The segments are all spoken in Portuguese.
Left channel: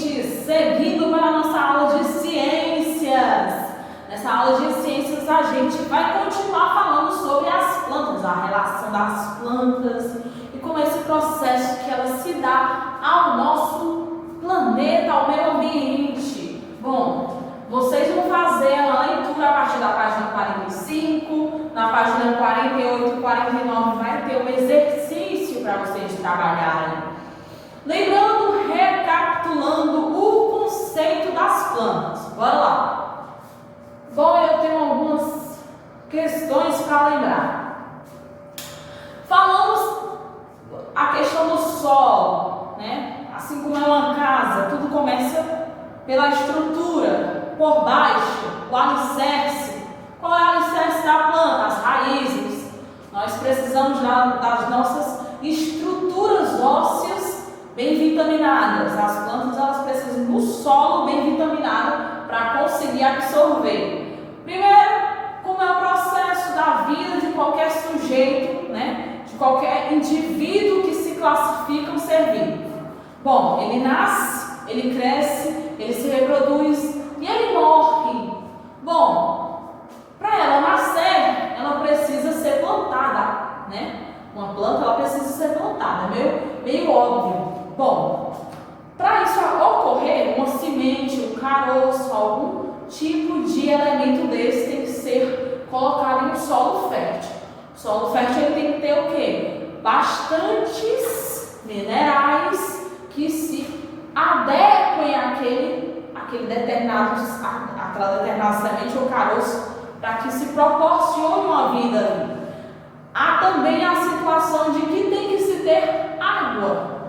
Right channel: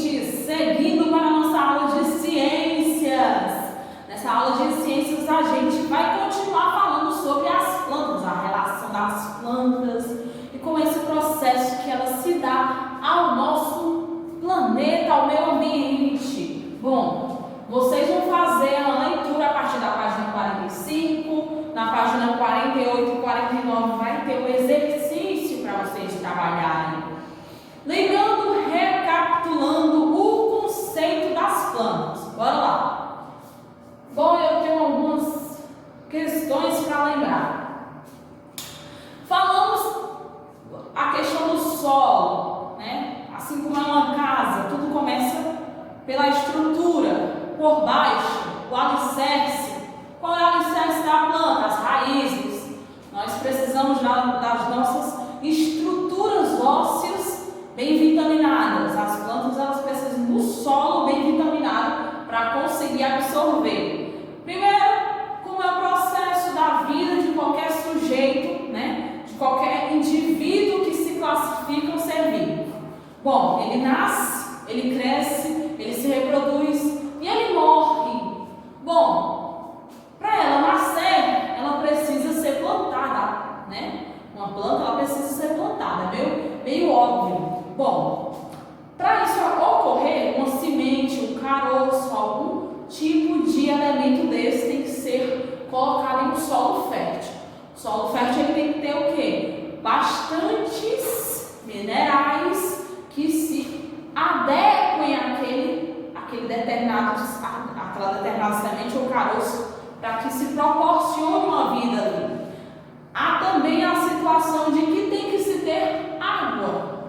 ouvintes, seguindo para a nossa aula de ciências. Nessa aula de ciências a gente vai continuar falando sobre as plantas, a relação das plantas e como esse processo que ela se dá ao nosso planeta, ao meio ambiente. Bom, vocês vão fazer uma leitura a partir da página 45, na página 48 e 49 vai ter um exercício para vocês trabalharem. Lembrando, recapitulando o conceito das plantas. Bora lá. Bom, eu tenho algumas questões para lembrar. Falamos a questão do solo, né? Assim como é uma casa, tudo começa pela estrutura, por baixo, o alicerce. Qual é o alicerce da planta? As raízes. Nós precisamos das nossas estruturas ósseas bem vitaminadas. As plantas elas precisam do solo bem vitaminado para conseguir absorver. Primeiro, como é o processo da vida de qualquer sujeito, né? De qualquer indivíduo que se classifica um ser vivo. Bom, ele nasce, ele cresce, ele se reproduz e ele morre. Bom, para ela nascer, ela precisa ser plantada, né? Uma planta ela precisa ser plantada, é meio óbvio. Bom, para isso ocorrer, uma semente, um caroço, algum tipo de elemento desse tem que ser colocado em um solo fértil. O solo fértil ele tem que ter o quê? Bastantes minerais que se adequem àquela determinada semente ou caroço para que se proporcione uma vida ali. Há também a situação de que tem que se ter água.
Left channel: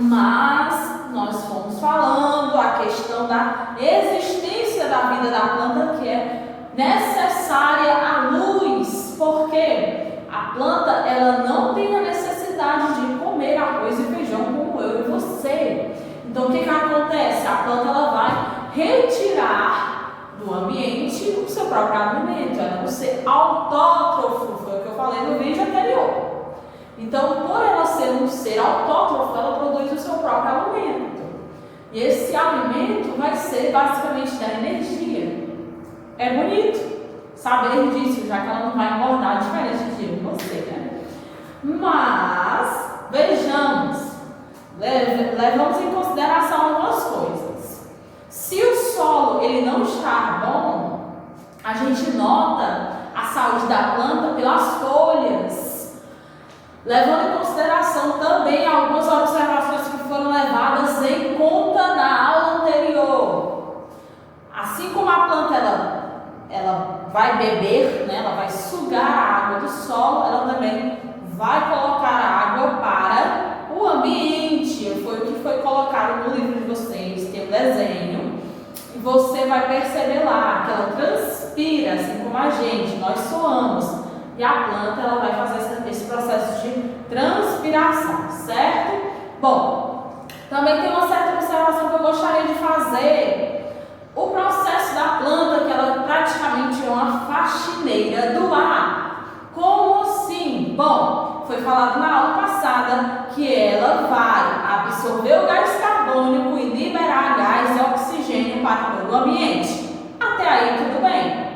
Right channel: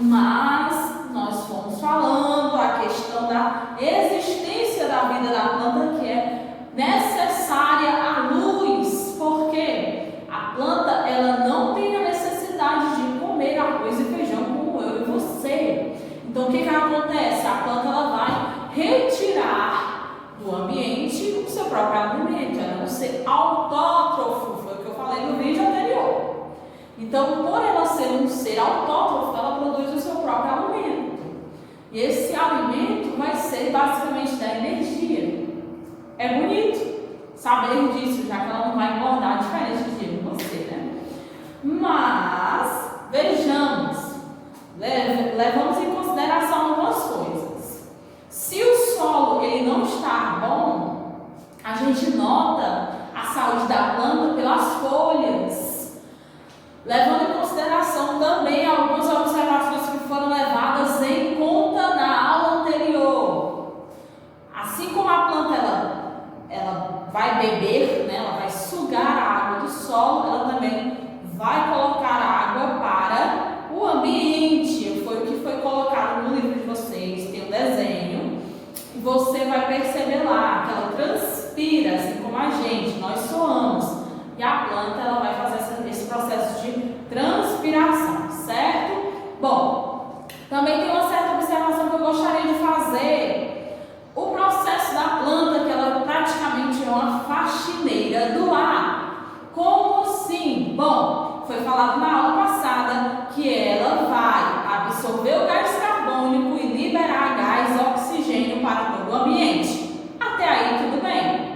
Mas nós fomos falando a questão da existência da vida da planta, que é necessária a luz, porque a planta ela não tem a necessidade de comer arroz e feijão como eu e você. Então o que acontece? A planta ela vai retirar do ambiente o seu próprio alimento, ela não ser autótrofo, foi o que eu falei no vídeo anterior. Então, por ela ser um ser autótrofo, ela produz o seu próprio alimento. E esse alimento vai ser basicamente da energia. É bonito saber disso, já que ela não vai engordar diferente de você, né? Mas, vejamos, levamos em consideração algumas coisas. Se o solo ele não está bom, a gente nota a saúde da planta pelas folhas. Levando em consideração também algumas observações que foram levadas em conta na aula anterior. Assim como a planta ela vai beber, né, ela vai sugar a água do solo, ela também vai colocar água para o ambiente. Foi o que foi colocado no livro de vocês, tem um desenho, e você vai perceber lá que ela transpira, assim como a gente, nós suamos. E a planta ela vai fazer esse processo de transpiração, certo? Bom, também tem uma certa observação que eu gostaria de fazer. O processo da planta, que ela praticamente é uma faxineira do ar. Como assim? Bom, foi falado na aula passada que ela vai absorver o gás carbônico e liberar gás e oxigênio para todo o ambiente. Até aí tudo bem.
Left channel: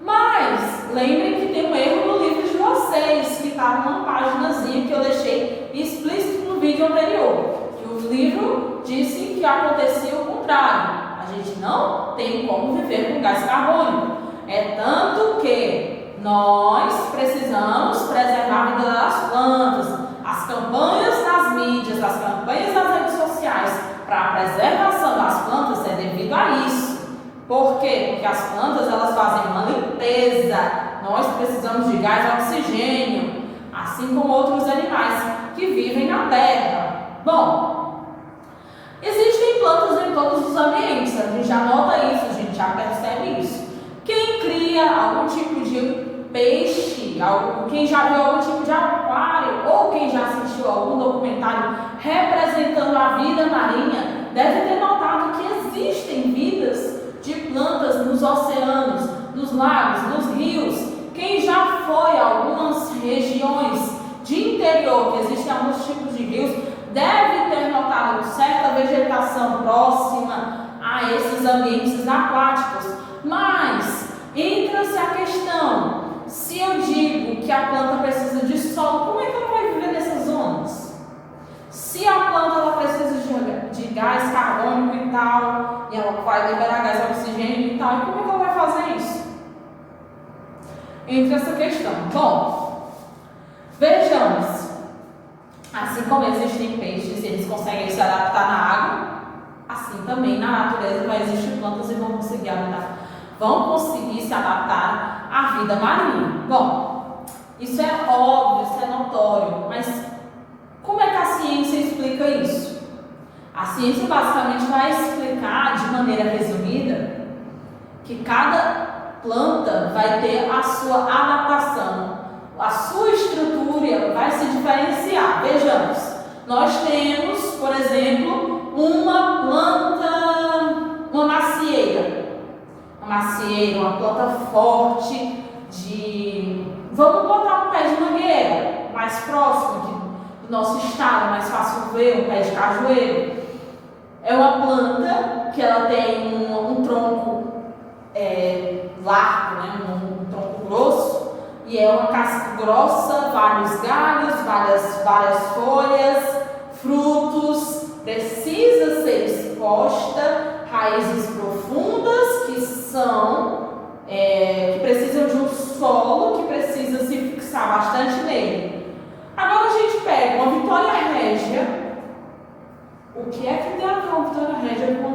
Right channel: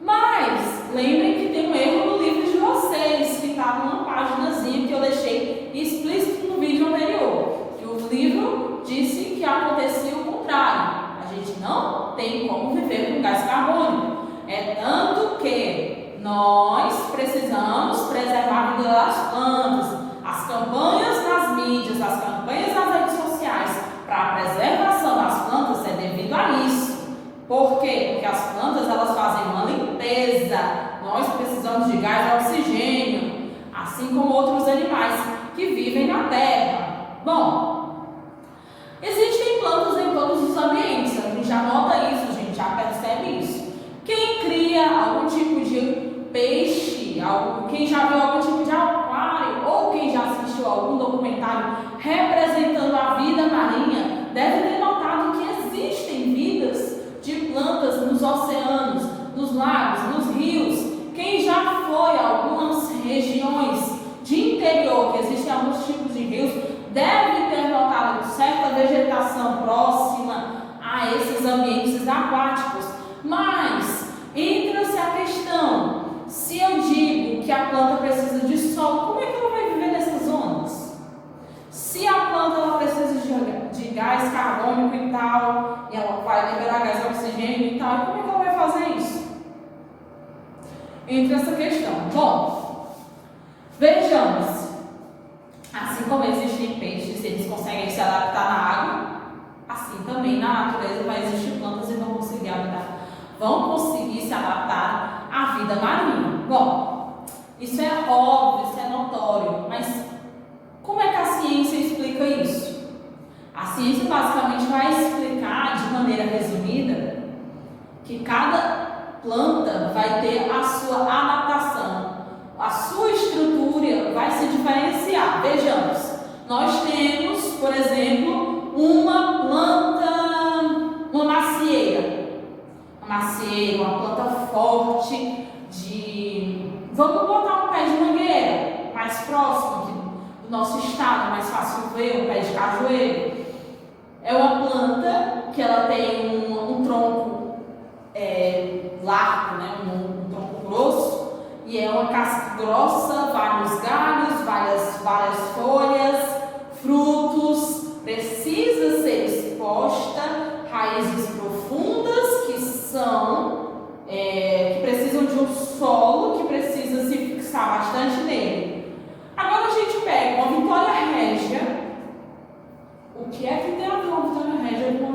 Mas lembrem que tem um erro no livro de vocês, que está numa paginazinha que eu deixei explícito no vídeo anterior, que o livro disse que acontecia o contrário. A gente não tem como viver com gás carbônico. É tanto que nós precisamos preservar a vida das plantas. As campanhas nas mídias, as campanhas nas redes sociais para a preservação das plantas é devido a isso. Por quê? Porque as plantas elas fazem uma limpeza. Nós precisamos de gás e oxigênio, assim como outros animais que vivem na terra. Bom, existem plantas em todos os ambientes. A gente já nota isso, a gente já percebe isso. Quem cria algum tipo de peixe, quem já viu algum tipo de aquário ou quem já assistiu a algum documentário representando a vida marinha, deve ter notado que existem vidas de plantas nos oceanos, nos lagos, nos rios. Quem já foi a algumas regiões de interior, que existem alguns tipos de rios, deve ter notado certa vegetação vegetação próxima a esses ambientes aquáticos. Mas entra-se a questão, se eu digo que a planta precisa de solo, como é que ela vai viver nessas zonas? Se a planta ela precisa de gás carbônico e tal, e ela vai liberar gás oxigênio e tal, e como é que ela vai fazer isso? Entra essa questão. Bom, vejamos. Assim como existem peixes, eles conseguem se adaptar na água, assim também na natureza vai existir plantas e vão conseguir se adaptar à vida marinha. Bom, isso é óbvio, isso é notório, mas como é que a ciência explica isso? A ciência basicamente vai explicar de maneira resumida que cada planta vai ter a sua adaptação. A sua estrutura vai se diferenciar. Vejamos, nós temos, por exemplo, uma planta, uma macieira, uma planta forte vamos botar um pé de mangueira, mais próximo aqui do nosso estado, é mais fácil ver, um pé de cajueiro. É uma planta que ela tem um tronco largo, né? um tronco grosso, e é uma casca grossa, vários galhos, várias folhas, frutos, precisa ser exposta, raízes profundas que precisam de um solo que precisa se fixar bastante nele. Agora a gente pega uma Vitória Régia. O que é que tem a ver uma Vitória Régia com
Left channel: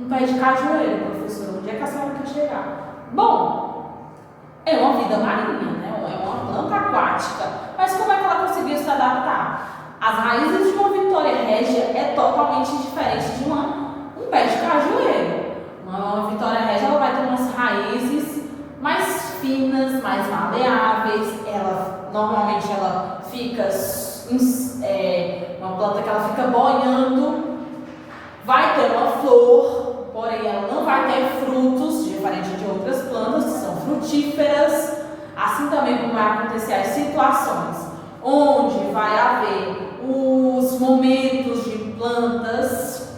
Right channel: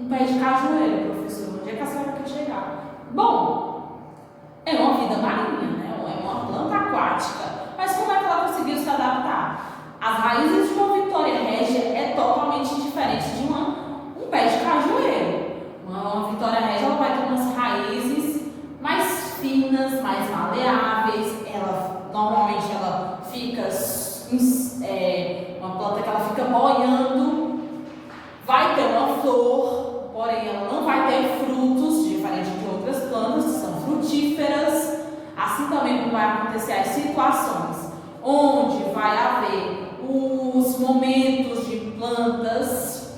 um pé de cajueiro, professor? Onde é que a senhora quer chegar? Bom, é uma vida marinha, né? É uma planta aquática. Mas como é que ela conseguiu se adaptar? As raízes de uma Vitória Régia é totalmente diferente de um pé de cajueiro. Uma Vitória Régia ela vai ter umas raízes mais finas, mais maleáveis. Normalmente ela fica uma planta que ela fica boiando. Vai ter uma flor, porém ela não vai ter frutos, diferente de outras plantas que são frutíferas. Assim também como vai acontecer as situações onde vai haver os momentos de plantas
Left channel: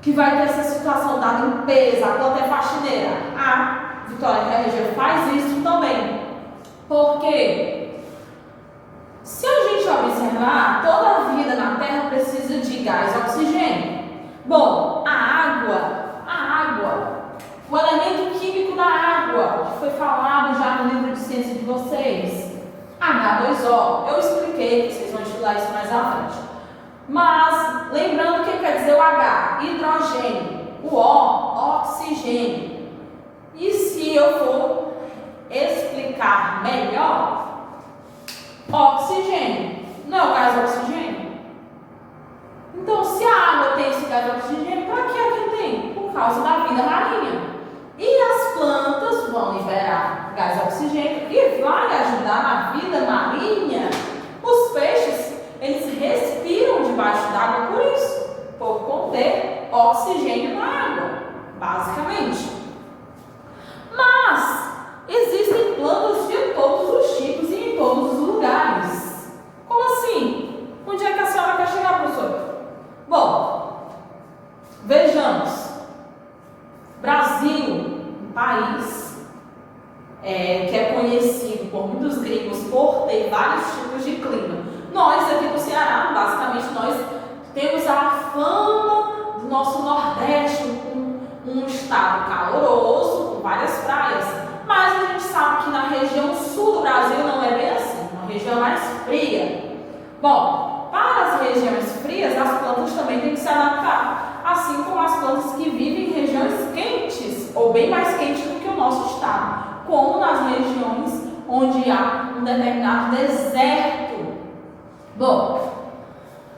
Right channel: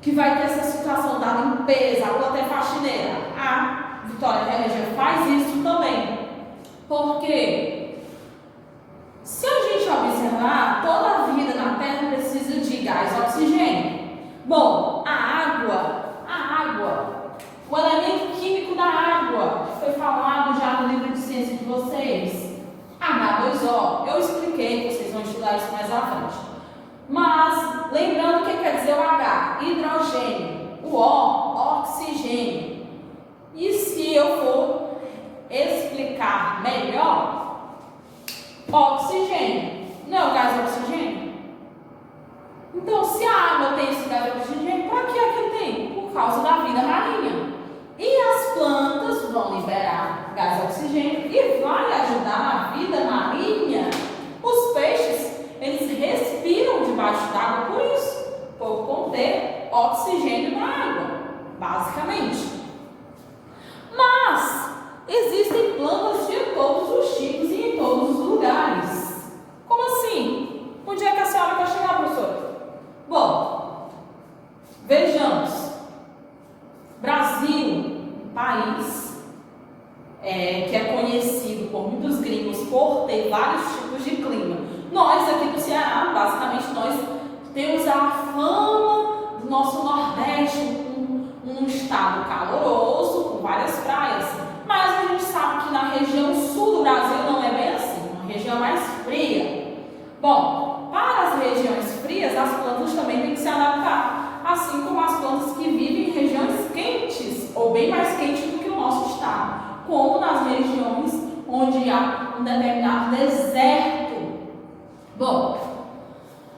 que vai ter essa situação da limpeza, a planta é faxineira. A Vitória Régia faz isso também. Porque se a gente observar, toda a vida na Terra precisa de gás e oxigênio. Bom, a água, o elemento químico da água, que foi falado já no livro de ciência de vocês, H2O, eu expliquei, vocês vão estudar isso mais à frente. Mas, lembrando o que quer dizer o H? Hidrogênio, o O, oxigênio. E se eu for explicar melhor, oxigênio, não é o gás de oxigênio? Então, se a água tem esse gás de oxigênio, para que é que tem? Por causa da vida marinha. E as plantas vão liberar gás de oxigênio e vai ajudar na vida marinha. Os peixes, eles respiram debaixo d'água por isso, por conter oxigênio na água, basicamente. Mas existem plantas de todos os tipos e em todos os lugares. Como assim? Onde é que a senhora quer chegar, professor? Bom, vejamos. Brasil, um país que é conhecido por muitos gringos por ter vários tipos de clima. Nós aqui no Ceará, basicamente, nós temos a fama do nosso Nordeste, um estado caloroso, com várias praias. Mas a gente sabe que na região sul do Brasil não é bem assim, uma região mais fria. Bom, para as regiões frias, as plantas também têm que se adaptar, assim como as plantas que vivem em regiões quentes, ou bem mais quentes do que o nosso estado, como nas regiões onde há um determinado deserto. Bom,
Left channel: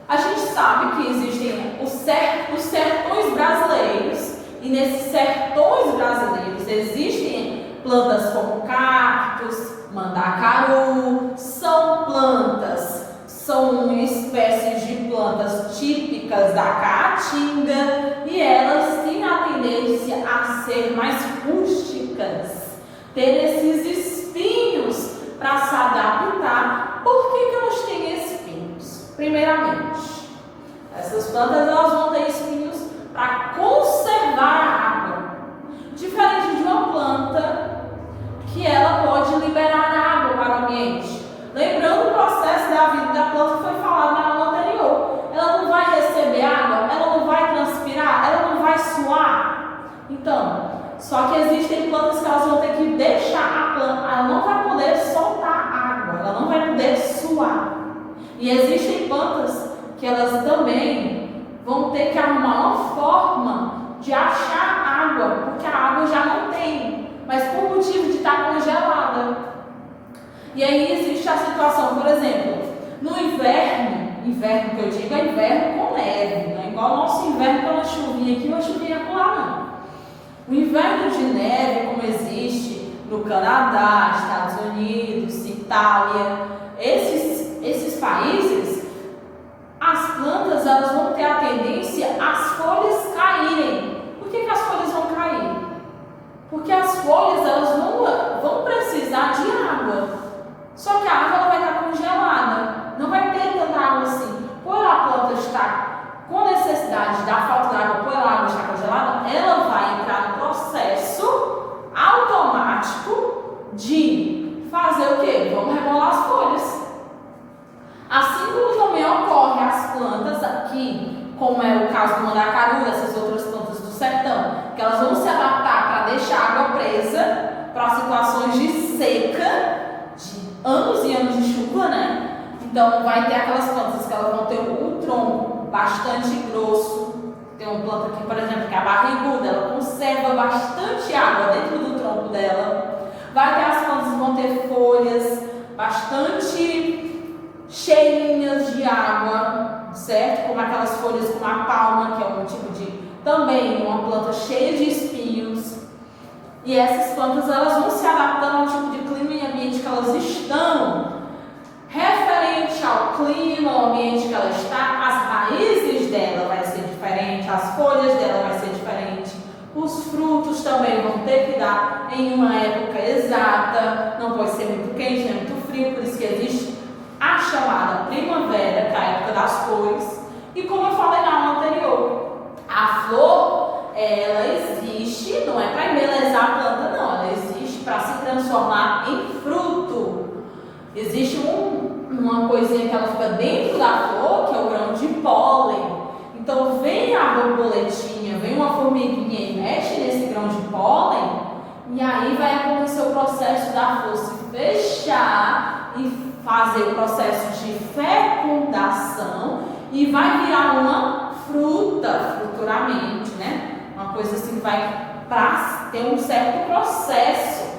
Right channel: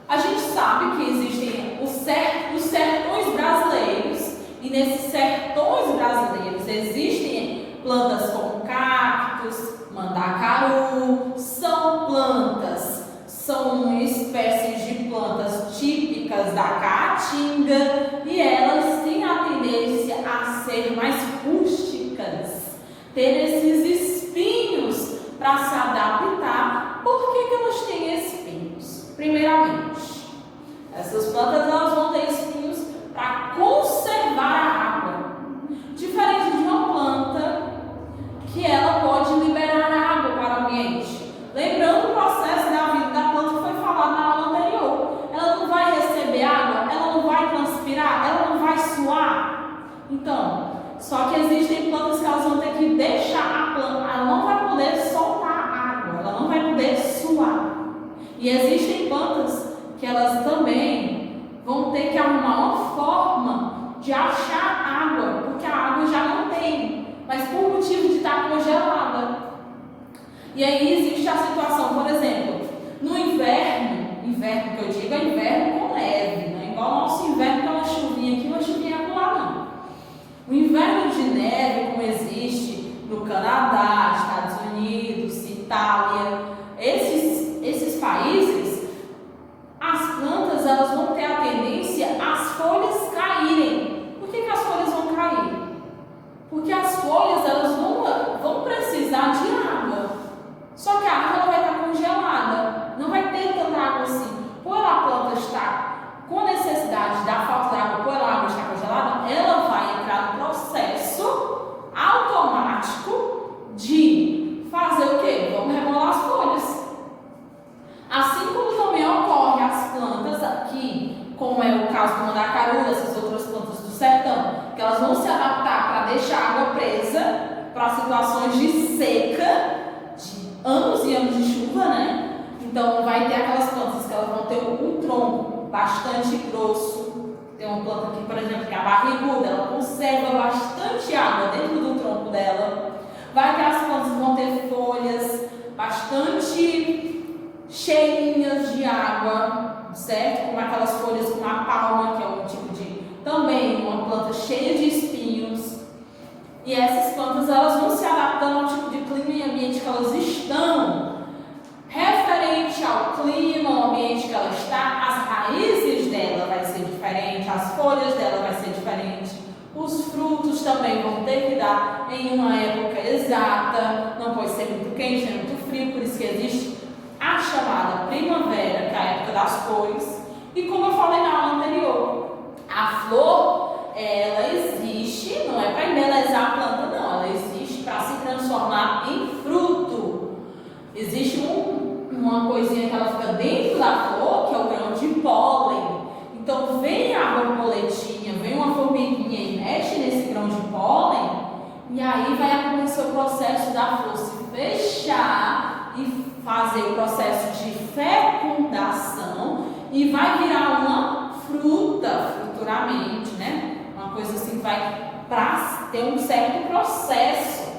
a gente sabe que existem os sertões brasileiros, e nesses sertões brasileiros existem plantas como cactos, mandacaru, são espécies de plantas típicas da caatinga, e elas têm a tendência a ser mais rústicas, ter esses espinhos para se adaptar. Por que elas têm espinhos? Primeiramente, essas plantas elas vão ter Só que existem plantas que elas vão ter que deixar a planta, ela não vai poder soltar água, ela não vai poder suar. E existem plantas que elas também vão ter que arrumar uma forma de achar água, porque a água já não tem, mas por motivo de estar congelada. E aí existe a situação, por exemplo, no inverno que eu digo é inverno com neve, não é igual ao nosso inverno com uma chuvinha aqui, uma chuvinha lá não. O inverno de neve, como existe no Canadá, Estados Unidos, Itália, esses países, as plantas elas vão ter a tendência às folhas caírem. Por que as folhas vão cair? Porque as folhas elas vão precisar de água. Só que a água ela vai estar congelada, não vai ter tanta água assim. Por a planta estar com necessidade da falta de água, por a água estar congelada, ela vai entrar no processo automático de fazer o quê? Vamos rebolar as folhas. Assim como também ocorre as plantas aqui, como é o caso do mandacaru, essas outras plantas do sertão, que elas vão se adaptar para deixar a água presa para situações de seca, de anos e anos de chuva, né? Então vai ter aquelas plantas que elas vão ter um tronco bastante grosso. Tem uma planta aqui, por exemplo, que é a barriguda, ela conserva bastante água dentro do tronco dela. Vai ter as plantas que vão ter folhas bastante cheinhas de água, certo? Como aquelas folhas como a palma, que é um tipo de, também uma planta cheia de espinhos. E essas plantas elas vão se adaptando ao tipo de clima e ambiente que elas estão. Referente ao clima, ao ambiente que ela está, as raízes dela vai ser diferente, as folhas dela vai ser diferente, os frutos também vão ter que dar em uma época exata, não pode ser muito quente nem muito frio, por isso que existe a chamada primavera, que é a época das cores. E como eu falei na aula anterior, a flor, ela existe, não é para embelezar a planta, não, ela existe para se transformar em fruto. Existe uma coisinha que ela fica dentro da flor, que é o grão de pólen. Então vem a borboletinha, vem uma formiguinha e mexe nesse grão de pólen, e aí vai acontecer o processo da flor se fechar e fazer o processo de fecundação e vai virar uma fruta futuramente, né? Uma coisa assim que vai para ter um certo processo.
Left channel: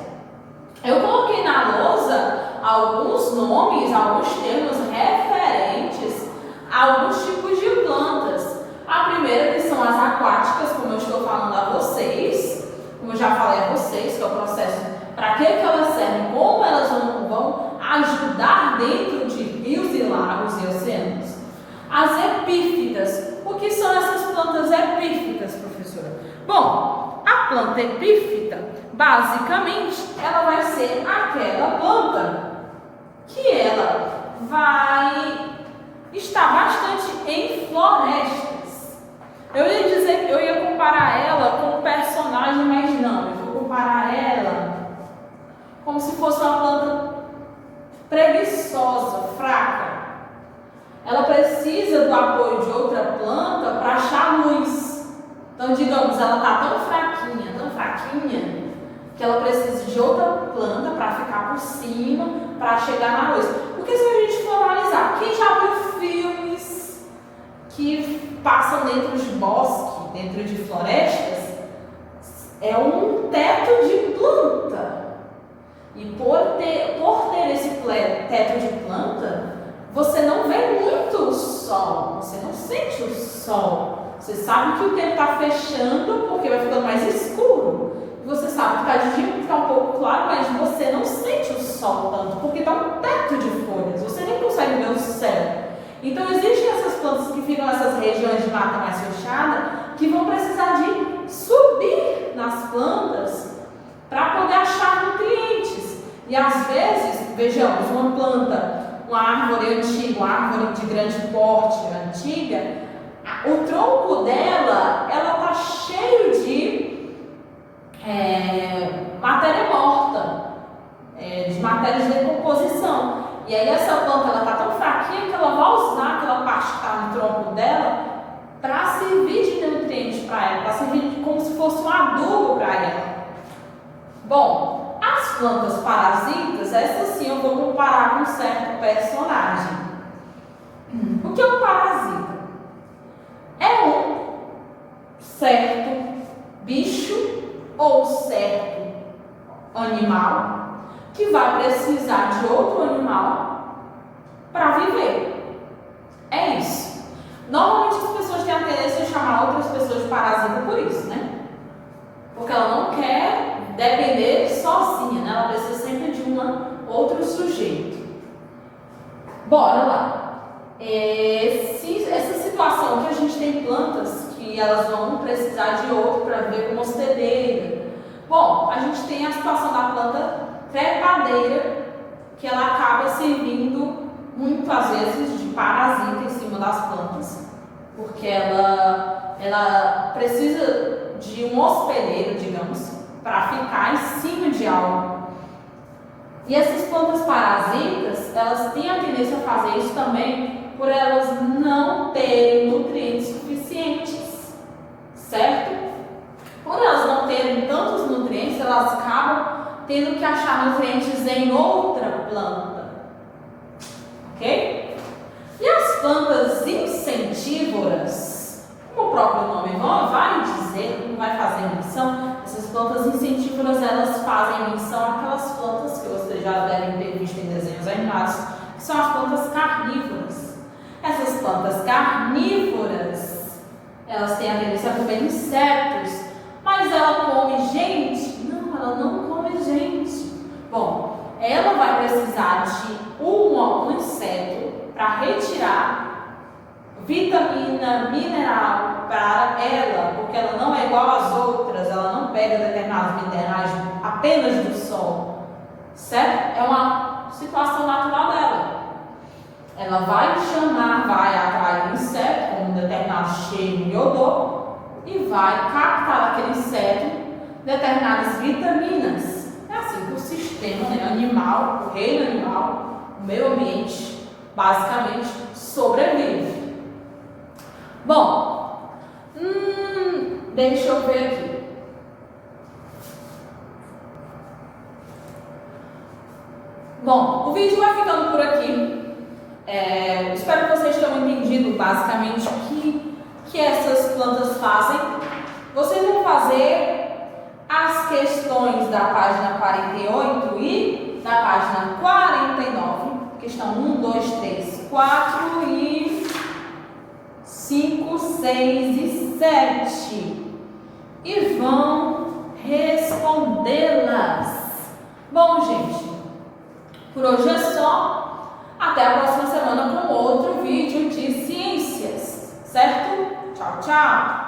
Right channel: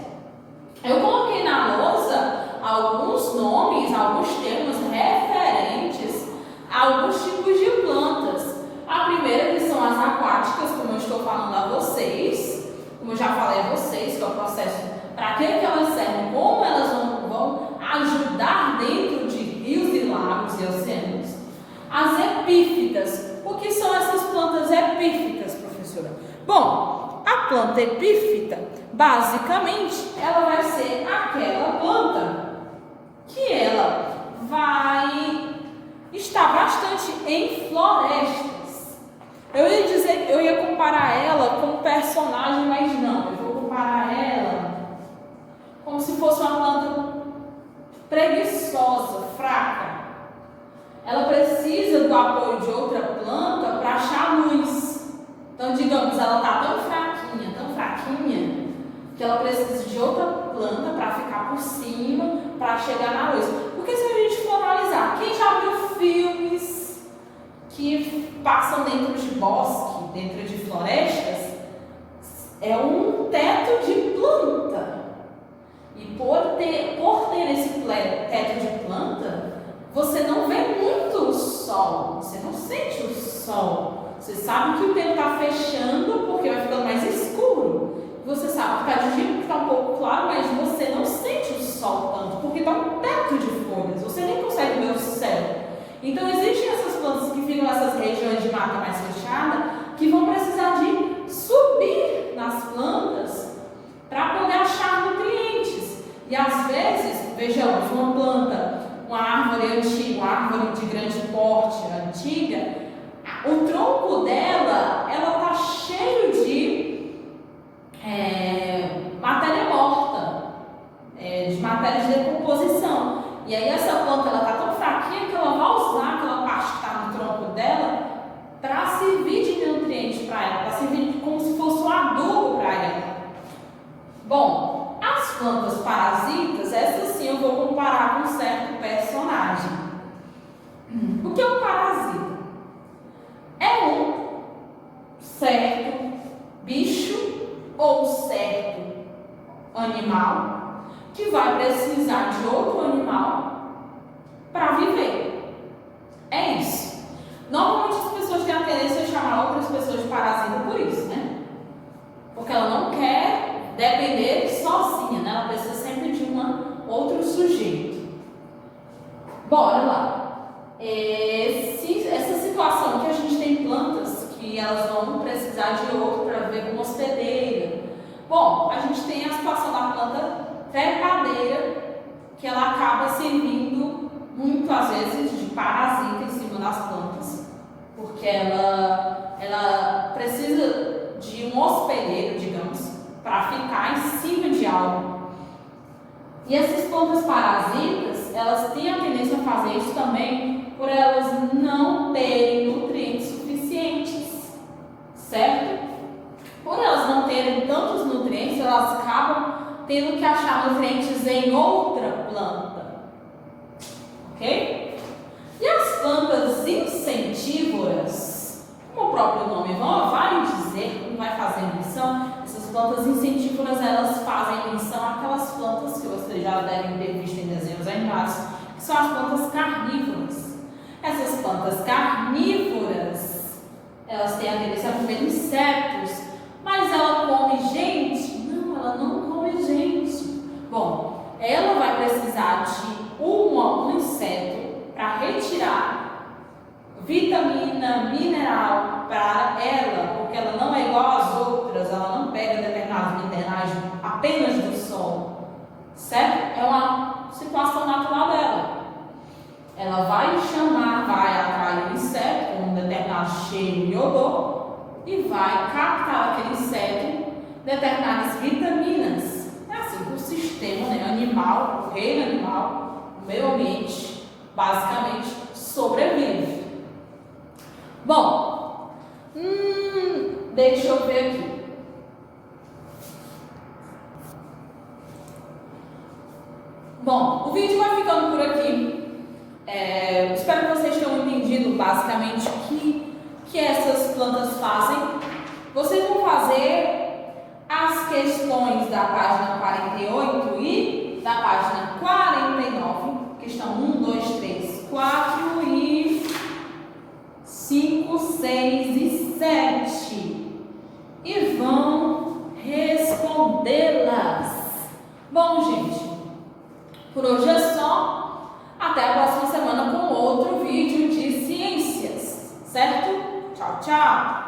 Eu coloquei na lousa alguns nomes, alguns termos referentes a alguns tipos de plantas. A primeira que são as aquáticas, como eu estou falando a vocês, como eu já falei a vocês, que é o processo para que elas servem, como elas vão ajudar dentro de rios e lagos e oceanos. As epífitas. O que são essas plantas epífitas, professora? Bom, a planta epífita, basicamente, ela vai ser aquela planta que ela vai estar bastante em florestas. Eu ia comparar ela com um personagem, mas não, eu vou comparar ela como se fosse uma planta preguiçosa, fraca. Ela precisa do apoio de outra planta para achar luz. Então, digamos, ela está tão fraquinha, que ela precisa de outra planta para ficar por cima, para chegar na luz. Porque se a gente for analisar, quem já viu filmes que passam dentro de bosque, dentro de florestas, é um teto de planta. E por ter esse teto de planta, você não vê muito o sol, você não sente o sol. Você sabe que o tempo está fechando porque vai ficando mais escuro. Você sabe que está de dia porque está um pouco claro, mas você não sente o sol tanto, porque está um teto de folhas, você nem consegue ver o céu. Então existem essas plantas que ficam nessas regiões de mata mais fechada, que vão precisar de subir nas plantas para poder achar nutrientes. E às vezes, vejamos, uma planta, uma árvore antiga, uma árvore de grande porte, antiga, o tronco dela, ela está cheio de matéria morta, de matéria de decomposição. E aí essa planta, ela está tão fraquinha que ela vai usar aquela parte que está no tronco dela para servir de nutriente para ela, para servir como se fosse um adubo para ela. Bom, as plantas parasitas, essas sim eu vou comparar com um certo personagem. O que é um parasita? É um certo bicho ou certo animal que vai precisar de outro animal para viver. É isso. Normalmente as pessoas têm a tendência de chamar outras pessoas de parasita por isso, né? Porque ela não quer depender sozinha, né? Ela precisa sempre de outro sujeito. Bora lá. Essa situação que a gente tem plantas que elas vão precisar de outro para viver como hospedeira. Bom, a gente tem a situação da planta trepadeira, que ela acaba servindo muitas vezes de parasita em cima das plantas, porque ela precisa de um hospedeiro, digamos, para ficar em cima de algo. E essas plantas parasitas, elas têm a tendência a fazer isso também por elas não terem nutrientes suficientes, certo? Por elas não terem tantos nutrientes, elas acabam tendo que achar nutrientes em outra planta, ok? E as plantas incentívoras, como o próprio nome vai dizer, não vai fazer menção, essas plantas incentívoras, elas fazem menção àquelas plantas que vocês já devem ter visto em desenhos animados, que são as plantas carnívoras. Essas plantas carnívoras, elas têm a tendência a comer insetos, mas ela come gente? Não, ela não come gente. Bom, ela vai precisar de um inseto para retirar vitamina, mineral para ela, porque ela não é igual às outras, ela não pega determinados minerais apenas do sol, certo? É uma situação natural dela. Ela vai atrair um inseto com um determinado cheiro e odor e vai captar aquele inseto determinadas vitaminas. É assim que o sistema, né, animal, o reino animal, o meio ambiente, basicamente sobrevive. Bom, deixa eu ver aqui. Bom, o vídeo vai ficando por aqui. Espero que vocês tenham entendido basicamente o que essas plantas fazem. Vocês vão fazer as questões da página 48 e da página 49, questão 1, 2, 3, 4 e 5, 6 e 7, e vão respondê-las. Bom, gente, por hoje é só. Até a próxima semana com outro vídeo de ciências, certo? Tchau, tchau!